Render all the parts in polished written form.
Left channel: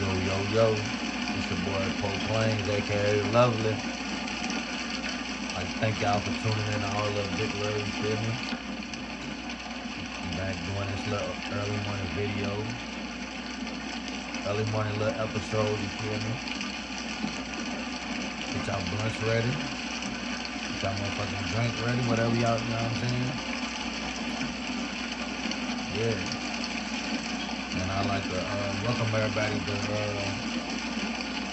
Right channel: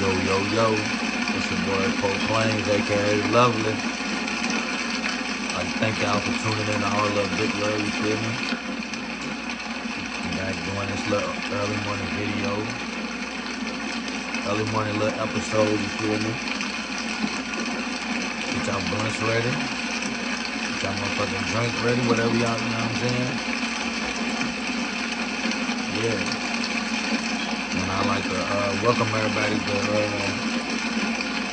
Yo, yo, yo. It's your boy Poe Plains, aka Lovely. Like, thank y'all for tuning in to All Love Big Love, you feel me? I'm back doing this little early morning video. Early morning little episode, you feel me? Get y'all blunts ready. Get y'all motherfucking drink ready, whatever y'all, you know what I'm saying? Yeah. And I like to welcome everybody to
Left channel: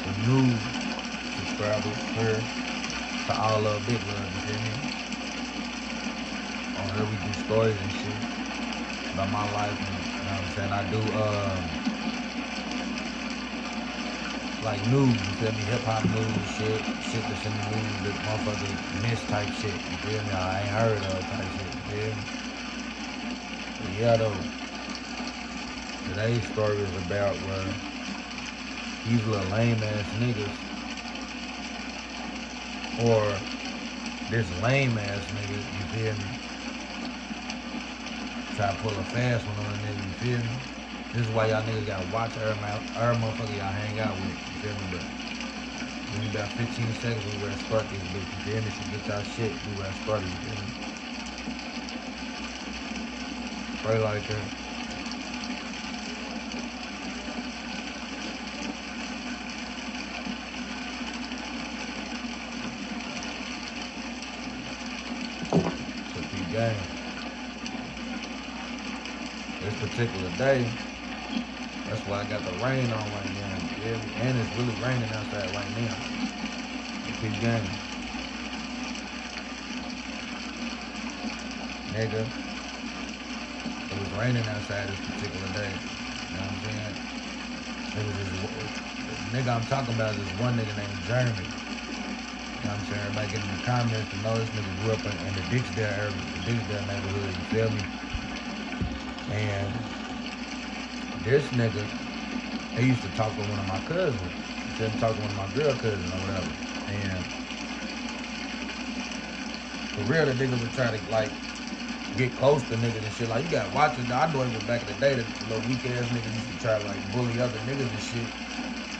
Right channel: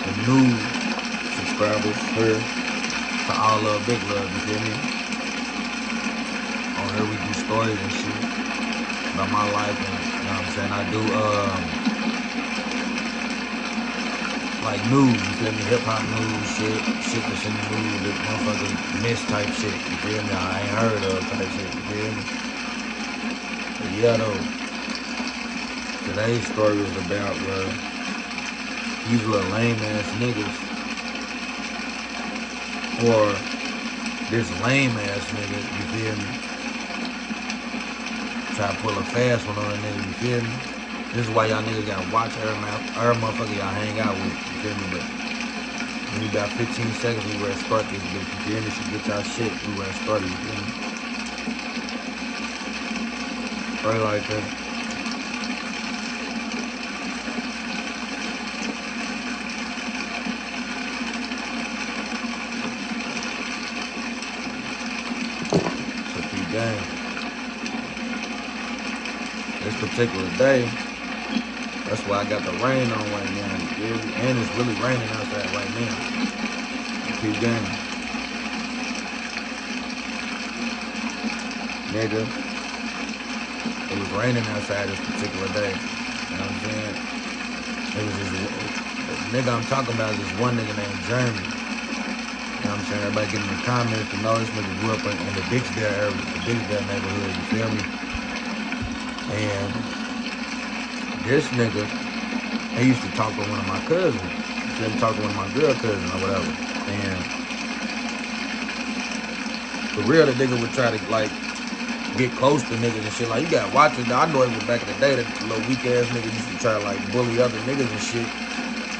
the new subscribers here to All Love Big Love, you feel me? On here we do stories and shit about my life, and you know what I'm saying? I do like news, you feel me? Hip hop news, shit that's in the news that motherfuckers miss type shit, you feel me? I ain't heard of type shit, you feel me? But yeah though, today's story is about where these little lame ass niggas, or this lame ass nigga, you feel me? Try to pull a fast one on a nigga, you feel me? This is why y'all niggas gotta watch every motherfucker y'all hang out with, you feel me? But we about 15 seconds, we ready to start this bitch, you feel me? So get y'all shit, we ready to start it, you feel me? Right like that. So P game. This particular day, that's why I got the rain on right now, you feel me? And it's really raining outside right now. P game. Nigga, it was raining outside this particular day. You know what I'm saying? It was this the nigga I'm talking about is this one nigga named Jeremy. You know what I'm saying? Everybody getting in the comments to know this nigga grew up in the Dixdale area, the Dixdale neighborhood, you feel me? And this nigga, he used to talk to one of my cousins. You feel me? Talk to one of my girl cousins or whatever. And for real, the nigga would try to like get close to niggas and shit. Like, you gotta watch it. I know it was back in the day that little weak ass niggas used to try to like bully other niggas and shit.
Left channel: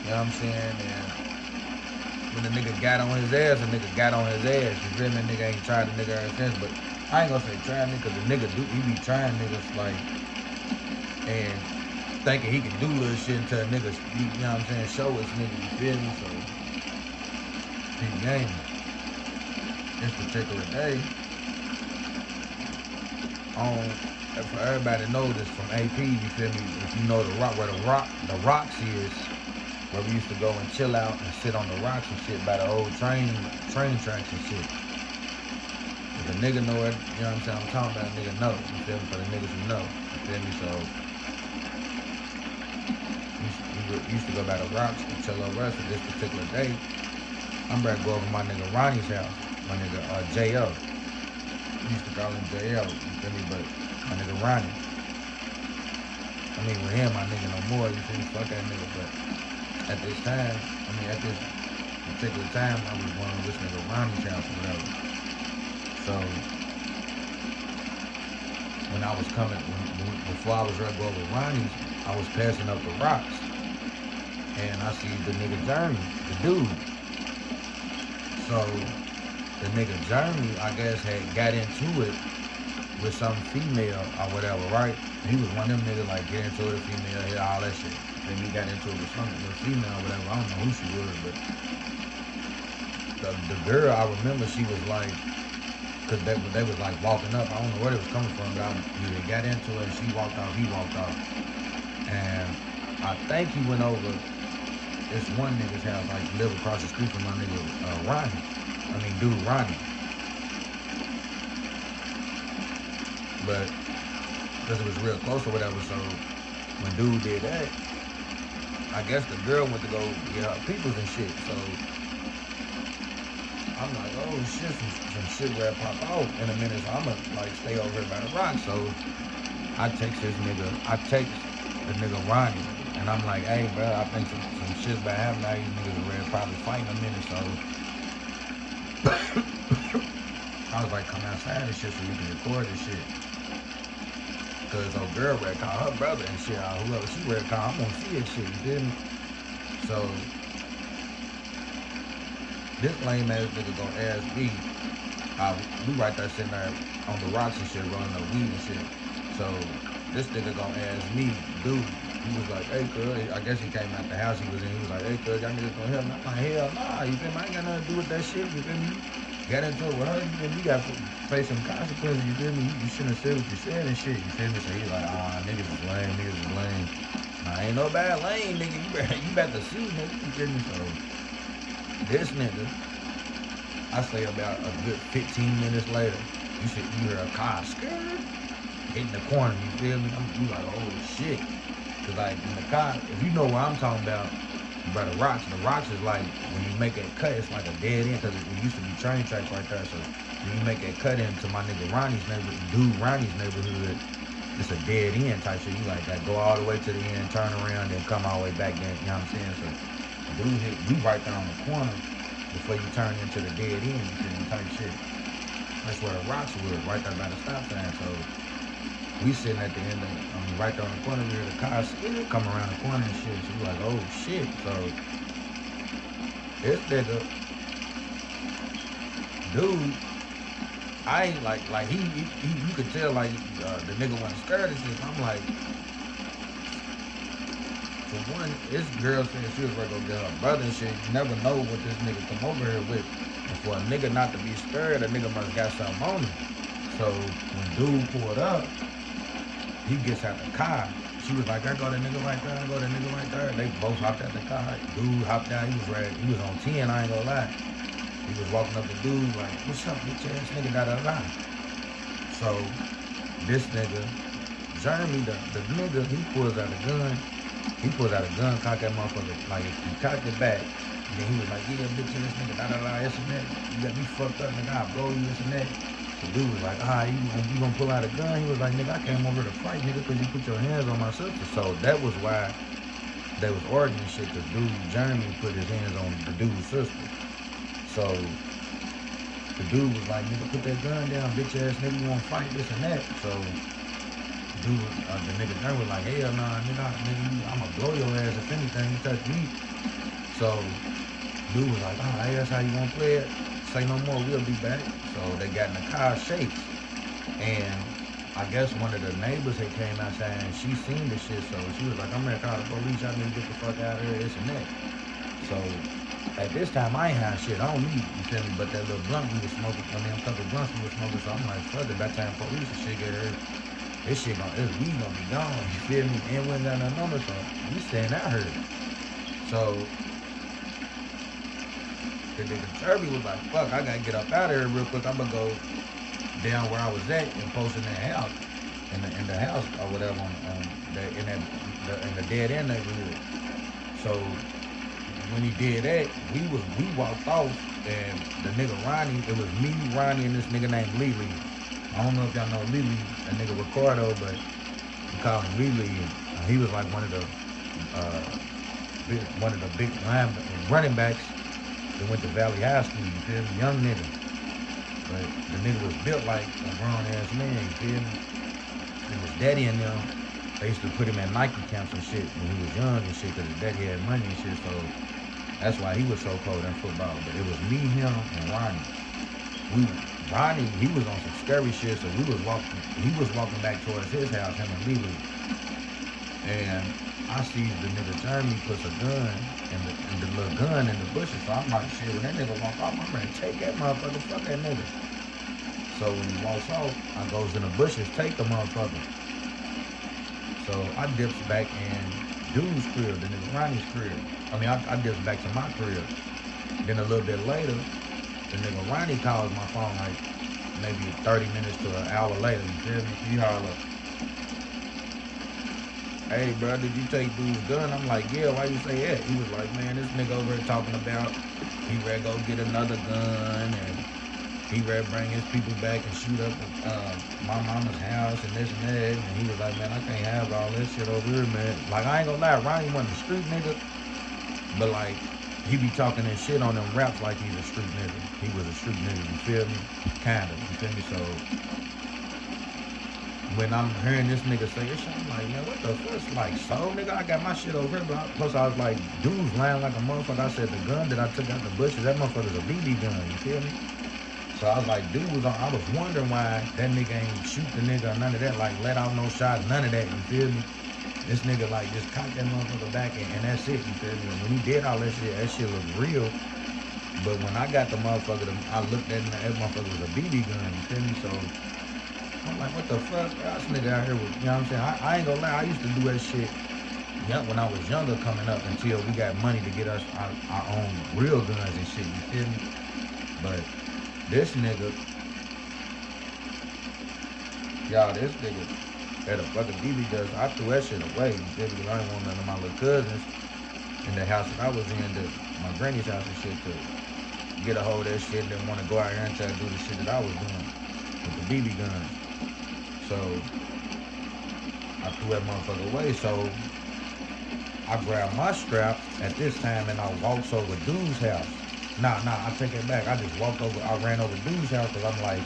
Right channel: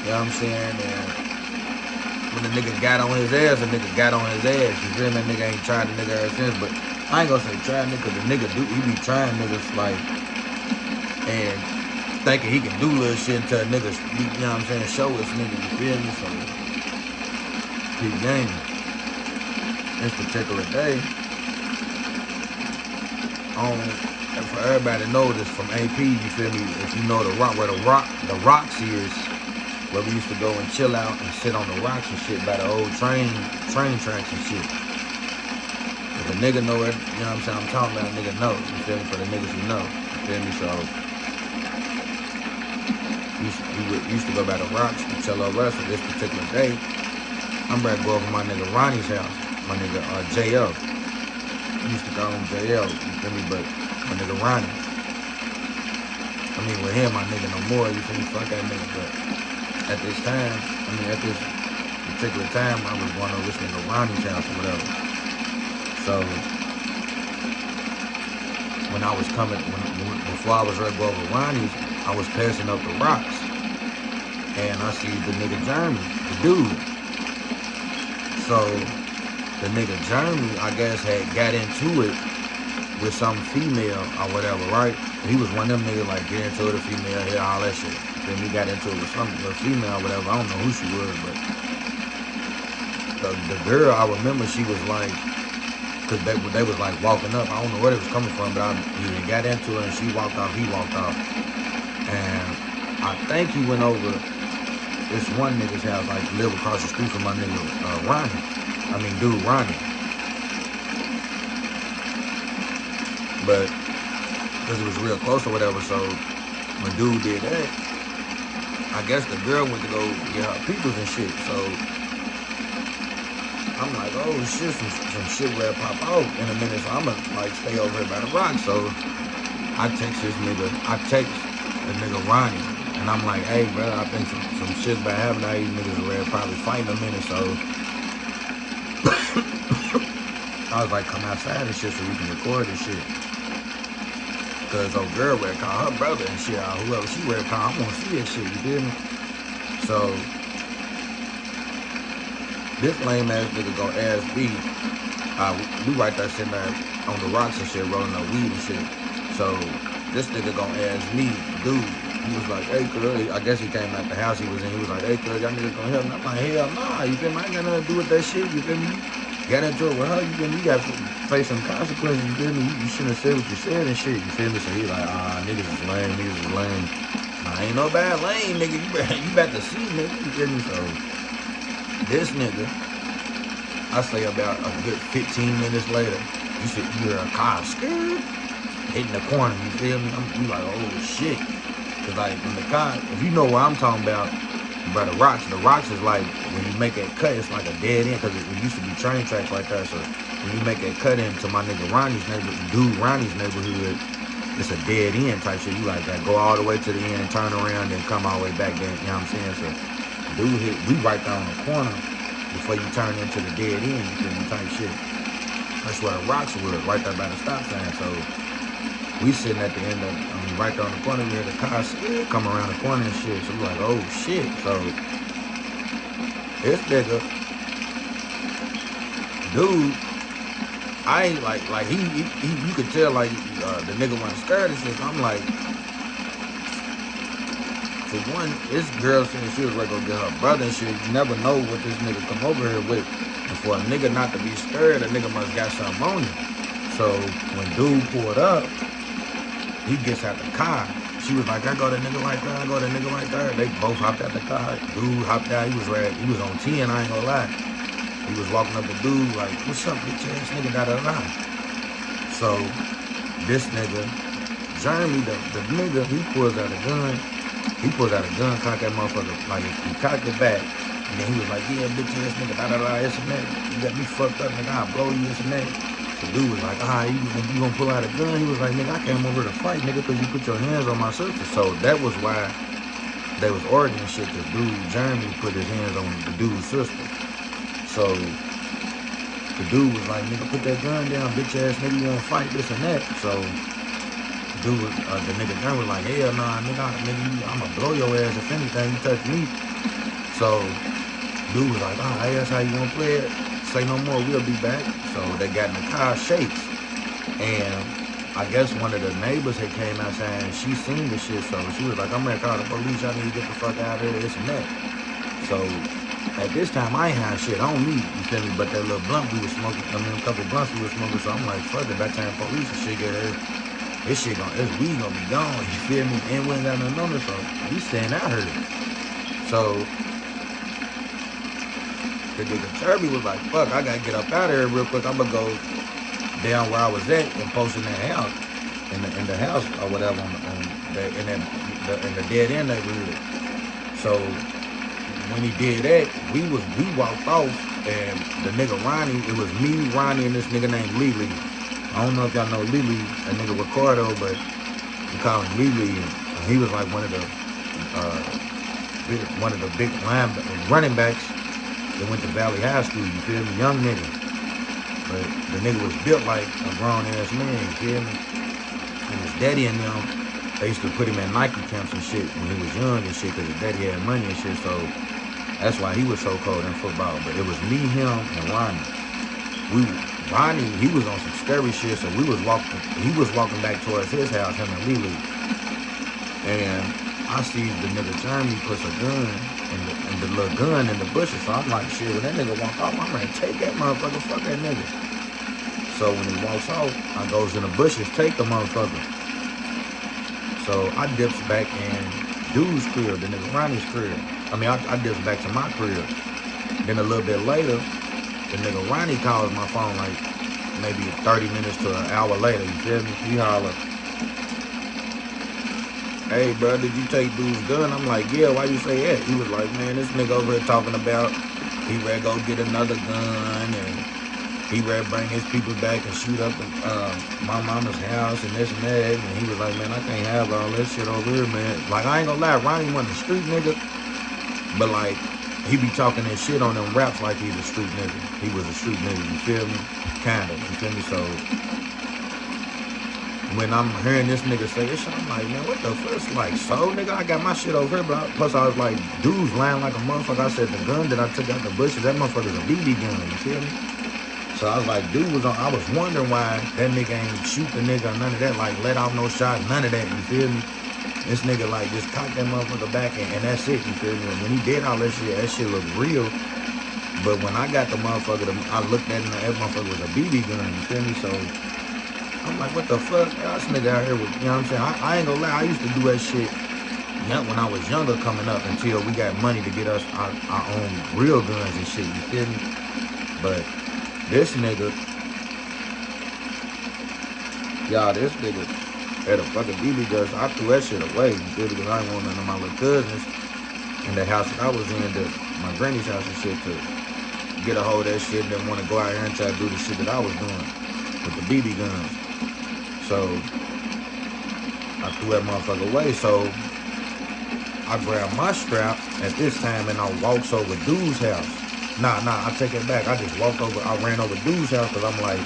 You know what I'm saying? And when the nigga got on his ass, the nigga got on his ass. You feel me? Nigga ain't tried the nigga ever since. But I ain't gonna say try nigga, cause the nigga he be trying niggas like, and thinking he can do little shit until a nigga, you know what I'm saying, show us nigga, you feel me? So, peep game. This particular day, and for everybody to know this from AP, you feel me? If you know the rock, where the rocks is, where we used to go and chill out and sit on the rocks and shit by the old train tracks and shit. If a nigga know it, you know what I'm saying, I'm talking about, a nigga know, you feel me? For the niggas who know, you feel me? So, we used to go by the rocks and chill over us. So this particular day, I'm ready to go over my nigga Ronnie's house, my nigga JL. Used to call him JL, you feel me? But my nigga Ronnie. I mean, with him, my nigga no more, you feel me? Fuck that nigga. But at this time, at this particular time, I was going over this nigga Ronnie's house or whatever. So, when I was coming, before I was ready to go over Ronnie's, I was passing up the rocks. And I see the nigga Jeremy, the dude. So, the nigga Jeremy, I guess, had got into it with some female or whatever, right? He was one of them niggas like get into it, a female, hit all that shit. Then he got into it with some little female or whatever. I don't know who she was, but the girl, I remember she was like, cause they was like walking up. I don't know where it was coming from, but he got into it and she walked off. He walked off, and I think he went over this one nigga's house, like live across the street from my nigga Ronnie. I mean, dude, Ronnie. But, because it was real close or whatever, so when dude did that, I guess the girl went to go get her peoples and shit, so I'm like, oh shit, some shit ready to pop out in a minute, so I'm gonna like stay over here by the rock. So I text the nigga Ronnie, and I'm like, hey bro, I think some shit's about to happen. These niggas ready to probably fight in a minute, so I was like, come outside and shit so we can record this shit. Cause old girl ready to call her brother and shit, or whoever she ready to call, I'm gonna see that shit, you feel me? So this lame ass nigga gonna ask me, we right there sitting there on the rocks and shit, rolling up weed and shit. So this nigga gonna ask me, dude, he was like, hey, cuz, I guess he came out the house he was in. He was like, hey, cuz, y'all niggas gonna help me? I'm like, hell nah, you feel me? I ain't got nothing to do with that shit, you feel me? You got into it with her, you feel me? You got to face some consequences, you feel me? You shouldn't have said what you said and shit, you feel me? So he's like, niggas is lame, niggas is lame. Nah, ain't no bad lame, nigga. You about to see, nigga, you feel me? So this nigga, I say about a good 15 minutes later, you hear a car skirt hitting the corner, you feel me? You like, oh shit. Cause like when the car, if you know what I'm talking about, by the rocks is like, when you make that cut, it's like a dead end, cause it used to be train tracks right there. So when you make that cut into my nigga Ronnie's neighborhood, it's a dead end type shit. You like that, go all the way to the end, turn around, then come all the way back then, you know what I'm saying? So we right there on the corner before you turn into the dead end, you feel me, type shit. That's where the rocks was, right there by the stop sign. So we sitting at the end of, right there on the corner, we hear the car come around the corner and shit. So we like, oh shit. So this nigga, dude, I ain't like he you could tell like the nigga wasn't scared and shit. So I'm like, for one, this girl said she was ready to go get her brother and shit. You never know what this nigga come over here with. And for a nigga not to be scared, a nigga must got something on him. So when dude pulled up, he gets out the car. She was like, I go to nigga right there, I go to nigga right there. They both hopped out the car. Dude hopped out, he was ready. He was on 10, I ain't gonna lie. He was walking up the dude like, what's up, bitch ass nigga, da-da-da. So this nigga, Jeremy, the nigga, he pulls out a gun. He pulls out a gun, cock that motherfucker, like he cocked it back. And then he was like, yeah, bitch ass nigga, da-da-da, this and that. You got me fucked up, nigga, I'll blow you, this and that. The dude was like, you gonna pull out a gun? He was like, nigga, I came over to fight, nigga, because you put your hands on my sister. So that was why they was arguing and shit, because dude, Jeremy, put his hands on the dude's sister. So the dude was like, nigga, put that gun down, bitch ass nigga, you wanna fight, this and that. So dude, the nigga Jeremy was like, hell nah, nigga, I'ma blow your ass if anything, you touch me. So dude was like, hey, that's how you wanna play it? Say no more, we'll be back. So they got in the car, shakes. And I guess one of the neighbors had came out saying she seen the shit. So she was like, I'm ready to call the police. Y'all need to get the fuck out of here, this and that. So at this time, I ain't had shit on me, you feel me? But that little blunt we was smoking, a couple blunts we was smoking. So I'm like, fuck it, by the time police and shit get here, this weed gonna be gone, you feel me? And we ain't got nothing on us, so we staying out here. So the nigga Kirby was like, fuck, I gotta get up out of here real quick. I'm gonna go down where I was at and post in that house, in the house or whatever in the dead end neighborhood. So when he did that, we walked off, and the nigga Ronnie, it was me, Ronnie, and this nigga named Lily. I don't know if y'all know Lily, that nigga Ricardo, but we call him Lily, and he was like one of the big running backs that went to Valley High School, you feel me? Young nigga. But the nigga was built like a grown ass man, you feel me? And his daddy and them, they used to put him in Nike camps and shit when he was young and shit, because his daddy had money and shit, so that's why he was so cold in football. But it was me, him, and Ronnie. Ronnie, he was on some scary shit, so he was walking back towards his house, him and Lily. And I see the nigga Jeremy puts a gun and the little gun in the bushes. So I'm like, shit, when that nigga walk off, I'm ready to take that motherfucker, fuck that nigga. So when he walks off, I goes in the bushes, take the motherfucker. So I dips back in dude's crib, the nigga Ronnie's crib. I mean, I dips back to my crib. Then a little bit later, the nigga Ronnie calls my phone like maybe 30 minutes to an hour later, you feel me? He holler, hey, bro, did you take dude's gun? I'm like, yeah, why you say that? He was like, man, this nigga over here talking about he ready to go get another gun, and he ready to bring his people back and shoot up my mama's house and this and that. And he was like, man, I can't have all that shit over here, man. Like, I ain't gonna lie, Ronnie wasn't a street nigga, but like, he be talking that shit on them raps like he's a street nigga. He was a street nigga, you feel me? Kinda, you feel me? So when I'm hearing this nigga say this shit, I'm like, man, what the fuck? It's like, so, nigga, I got my shit over here, but plus I was like, dudes lying like a motherfucker. I said, the gun that I took out the bushes, that motherfucker's a BB gun, you feel me? So I was like, dude was on, I was wondering why that nigga ain't shoot the nigga or none of that, like, let off no shots, none of that, you feel me? This nigga, like, just cocked that motherfucker back, and that's it, you feel me? And when he did all that shit looked real. But when I got the motherfucker, I looked at it, and that motherfucker was a BB gun, you feel me? So I'm like, what the fuck? This nigga out here with, you know what I'm saying? I ain't gonna lie, I used to do that shit when I was younger coming up until we got money to get us our own real guns and shit, you feel me? But this nigga, y'all, this nigga had a fucking BB gun, so I threw that shit away, you feel me? Because I didn't want none of my little cousins in the house that I was in, my granny's house and shit, to get a hold of that shit and then want to go out here and try to do the shit that I was doing with the BB guns. So I threw that motherfucker away. So I grabbed my strap at this time and I walks over dude's house. Nah, I take it back. I just walked over, I ran over dude's house because I'm like,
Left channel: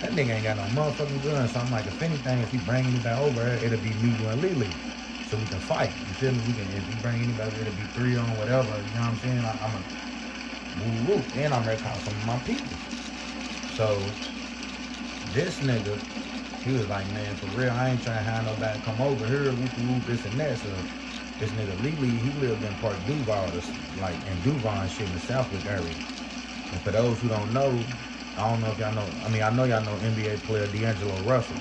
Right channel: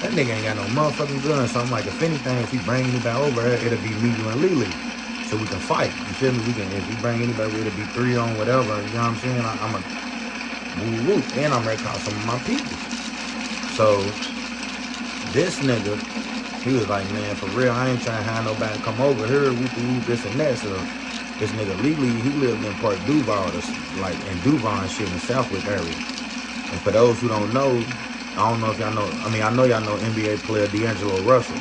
that nigga ain't got no motherfucking gun. So I'm like, if anything, if he bring anybody over, it'll be me, you, and Lily. So we can fight. You feel me? We can, if he bring anybody, it'll be 3 on whatever. You know what I'm saying? I'm a woo. And I'm ready to call some of my people. So this nigga, he was like, man, for real, I ain't trying to have nobody come over here, whoop, this and that. So this nigga Lily, he lived in Park Duval, like in Duval and shit in the Southwick area. And for those who don't know, I don't know if y'all know, I know y'all know NBA player D'Angelo Russell.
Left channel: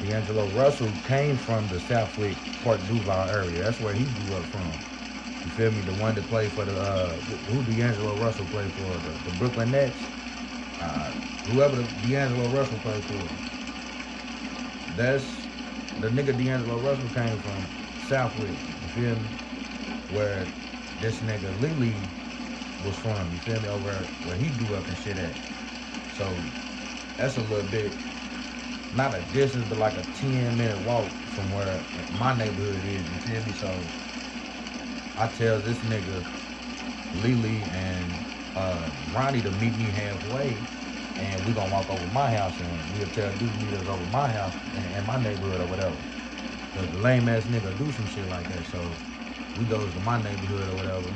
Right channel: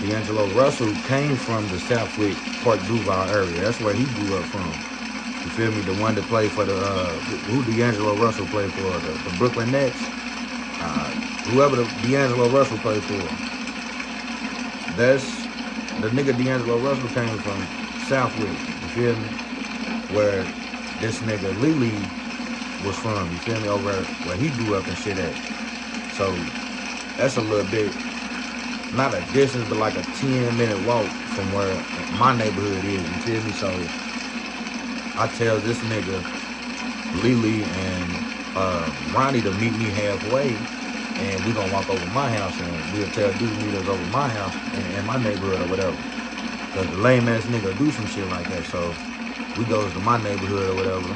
D'Angelo Russell came from the Southwick, Park Duval area. That's where he grew up from. You feel me? The one that played for the, who D'Angelo Russell played for? The Brooklyn Nets. Whoever D'Angelo Russell played for. That's, the nigga D'Angelo Russell came from Southwick. You feel me? Where this nigga Lily was from. You feel me? Over where he grew up and shit at. So that's a little bit, not a distance, but like a 10-minute walk from where my neighborhood is, you feel me? So I tell this nigga Lily and Ronnie to meet me halfway, and we gonna walk over my house, and we'll tell dude to meet us over my house in my neighborhood or whatever. Cause the lame ass nigga do some shit like that. So we goes to my neighborhood or whatever.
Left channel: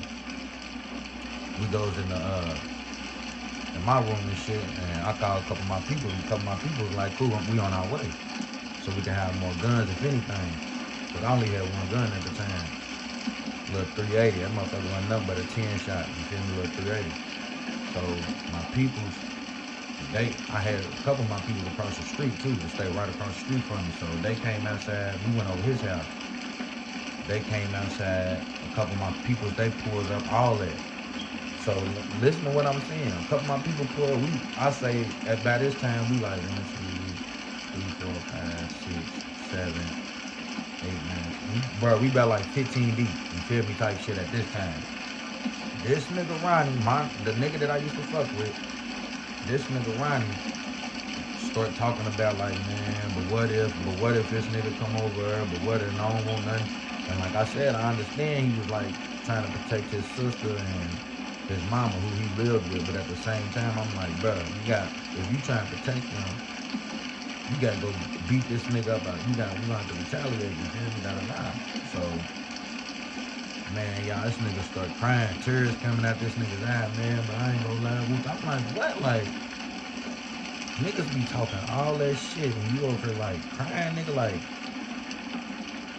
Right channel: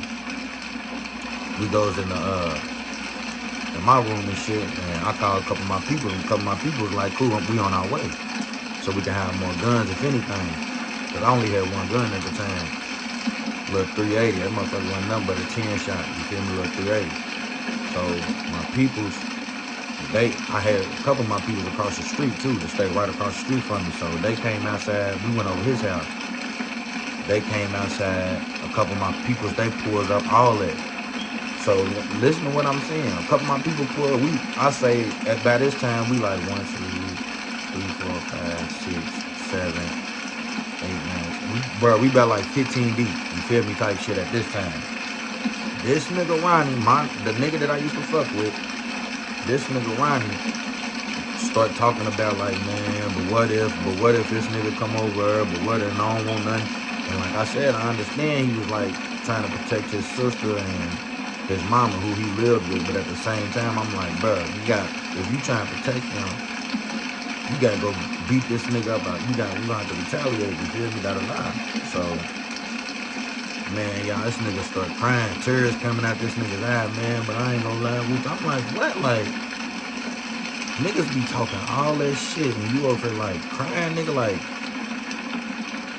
We goes in my room and shit, and I call a couple of my people, and a couple of my people was like, cool, we on our way. So we can have more guns, if anything. Because I only had one gun at the time. Little 380. That motherfucker wasn't nothing but a 10 shot. You feel me? Little 380. So my peoples, I had a couple of my peoples across the street too, to stay right across the street from me. So they came outside, we went over his house. They came outside, a couple of my peoples, they pulled up, all that. So listen to what I'm saying. A couple of my people pulled. I say by this time we like 1, 2, 3, 4, 5, 6, 7, 8, 9. We about like 15 deep. You feel me? Type shit at this time. This nigga Ronnie, the nigga that I used to fuck with, this nigga Ronnie start talking about like, man, but what if this nigga come over? But what if I don't want nothing? And like I said, I understand he was like trying to protect his sister and his mama, who he lived with, but at the same time, I'm like, bro, if you trying to protect him, you gotta go beat this nigga up. We gonna have to retaliate, you feel me? That'll lie. So, man, y'all, this nigga start crying, tears coming out this nigga's eye, man, but I ain't gonna lie. I'm like, what? Like, niggas be talking all that shit, and you over here, like, crying, nigga,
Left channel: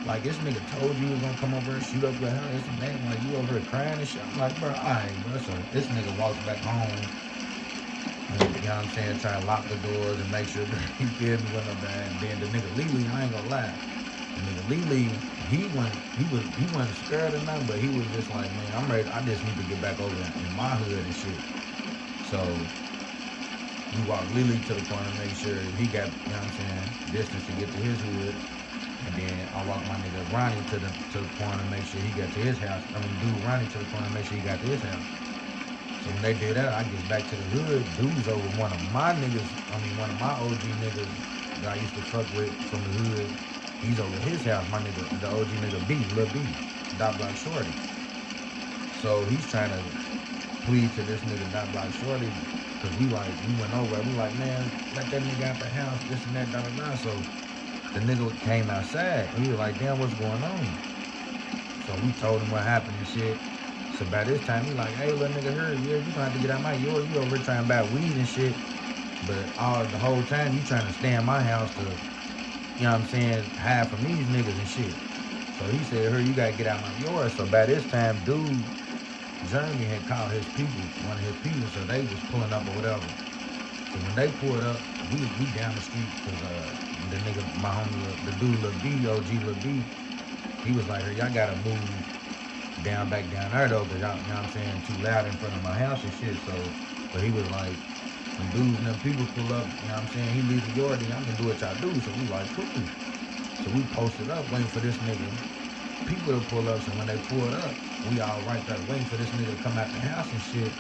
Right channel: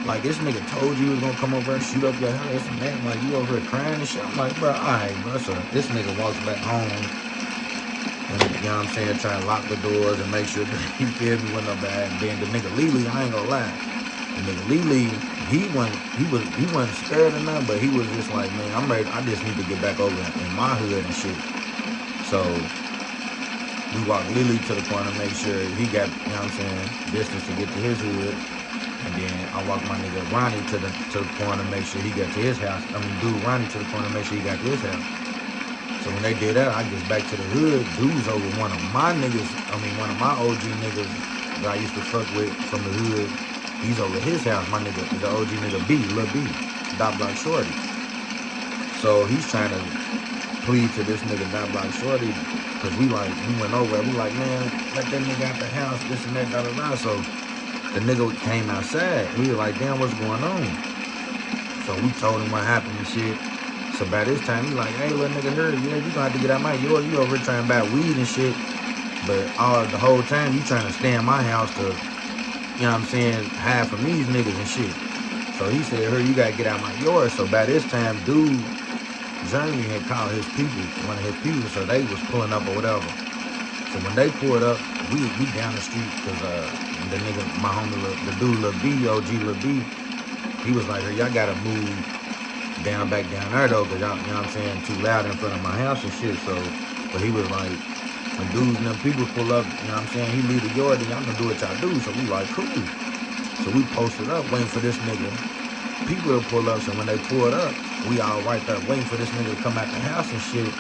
like this nigga told you he was gonna come over and shoot up your house and that, like you over here crying and shit. I'm like, bro, alright, bro. So this nigga walks back home and, you know what I'm saying, trying to lock the doors and make sure that he feel me with no bad. And then the nigga Lily, I ain't gonna lie. The nigga Lily, he wasn't scared or nothing, but he was just like, man, I'm ready, I just need to get back over in my hood and shit. So we walked Lily to the corner, make sure he got, you know what I'm saying, distance to get to his hood. And then I walked my nigga Ronnie to the corner, make sure he got to his house. Dude Ronnie to the corner, make sure he got to his house. So when they did that, I get back to the hood. Dude's over one of my niggas, one of my OG niggas that I used to fuck with from the hood. He's over his house, my nigga, the OG nigga B, Lil B, Dot Block Shorty. So he's trying to plead to this nigga Dot Block Shorty, because we went over, we like, man, let that nigga out the house, this and that, da da da. So the nigga came outside. We was like, damn, what's going on? So we told him what happened and shit. So by this time, he like, hey, little nigga, here, yeah, you gonna have to get out my yard. You over here trying to buy weed and shit. But the whole time, you trying to stay in my house to, you know what I'm saying, hide from these niggas and shit. So he said, here, you gotta get out my yard. So by this time, dude, Jeremy had called his people, one of his people, so they was pulling up or whatever. So when they pulled up, we down the street, because the nigga, my homie, the dude, Lil B, OG Lil B, he was like, y'all gotta move back down there though, because y'all, you know what I'm saying, too loud in front of my house and shit. So, but he was like, when dudes and them people pull up, you know what I'm saying, he leave the yard, then y'all gonna do what y'all do. So we like, cool. So we posted up, waiting for this nigga, people to pull up. So when they pulled up, we all right there waiting for this nigga to come out the house and shit.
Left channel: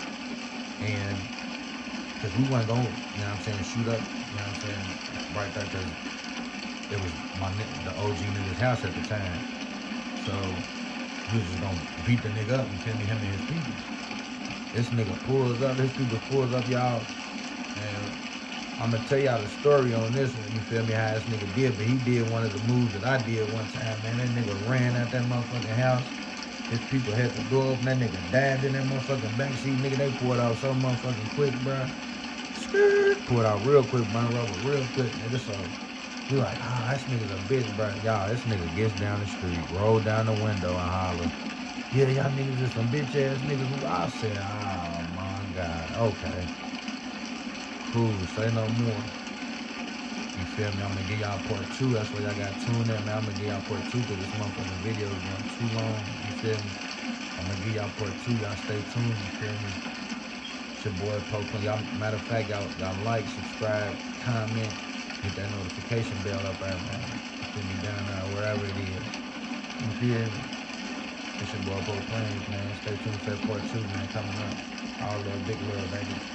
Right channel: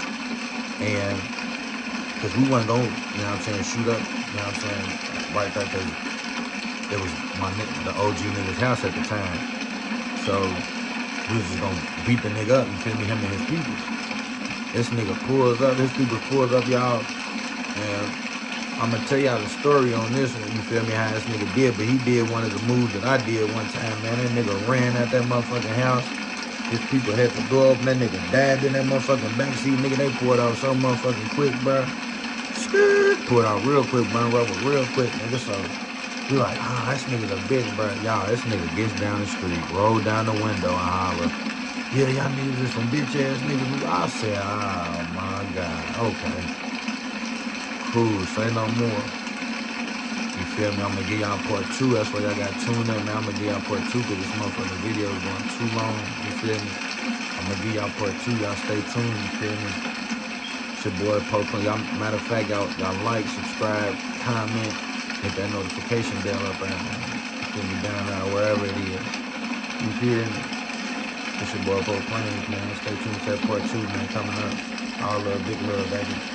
And, because we wasn't going, you know what I'm saying, shoot up, you know what I'm saying, right there, because it was the OG nigga's house at the time. So we was just gonna beat the nigga up, you feel me, him and his people. This nigga pulls up, his people pulls up, y'all, and I'm gonna tell y'all the story on this one, you feel me, how this nigga did, but he did one of the moves that I did one time, man. That nigga ran out that motherfucking house. His people had the door open, that nigga dived in that motherfucking backseat, nigga, they pulled out so motherfucking quick, bro. Pulled out real quick, burn rubber real quick, nigga, so we like, this nigga's a bitch, bro. Y'all, this nigga gets down the street, roll down the window and holler, yeah, y'all niggas is some bitch ass niggas. I said, oh my God, okay. Cool, say no more. You feel me? I'm gonna give y'all part 2. That's why y'all got tuned in, man. I'm gonna give y'all part 2 because this motherfucking video is going too long. You feel me? I'm gonna give y'all part 2. Y'all stay tuned. You feel me? It's your boy Pokemon. Y'all, matter of fact, y'all like, subscribe, comment, hit that notification bell up there, man. You feel me? Down there, wherever it is. You feel me? It's your boy Bo Plains, man. Stay tuned for that part 2, man. Coming up. All love, big love, baby.